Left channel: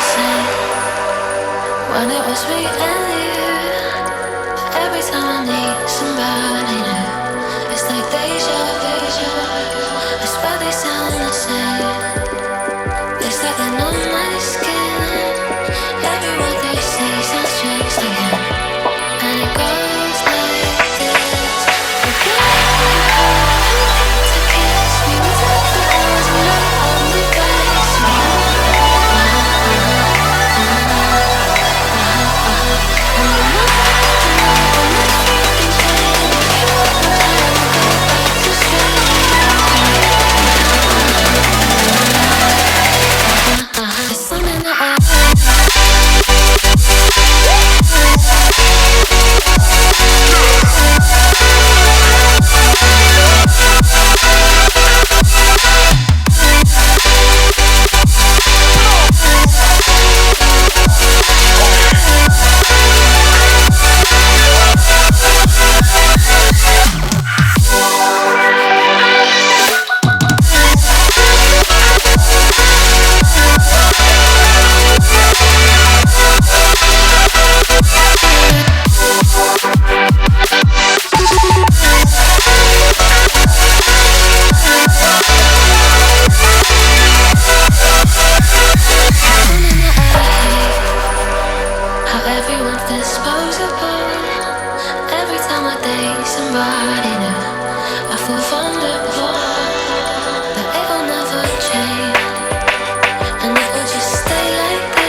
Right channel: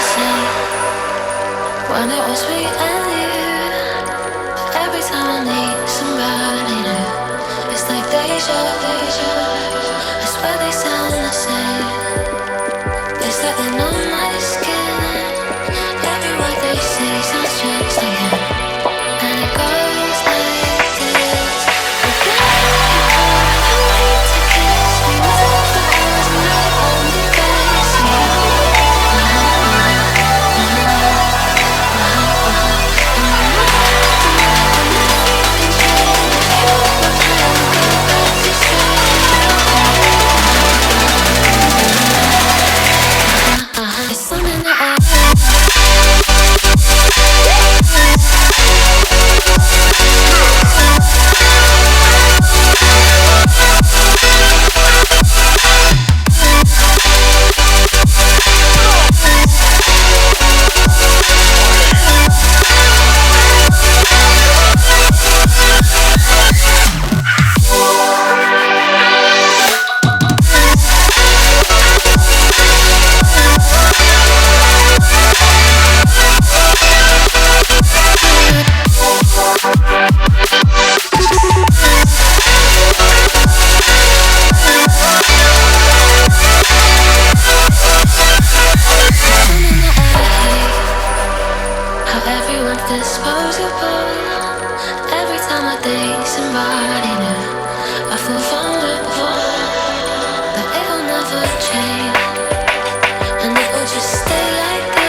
the same when it was me and you. Every time I meet somebody new, it's like deja vu. I swear they sound the same. It's like they're on my skin. Every word they say sounds just like him. And it goes like this. We get in your car and you need to kiss. We were down for hours and night on the backseat. And we might the night when everything changes. You were tired and go back to strangers. It's something that I everyone's disposable. Every time I date somebody new, I feel vulnerable that it'll never change, and it will just stay like that.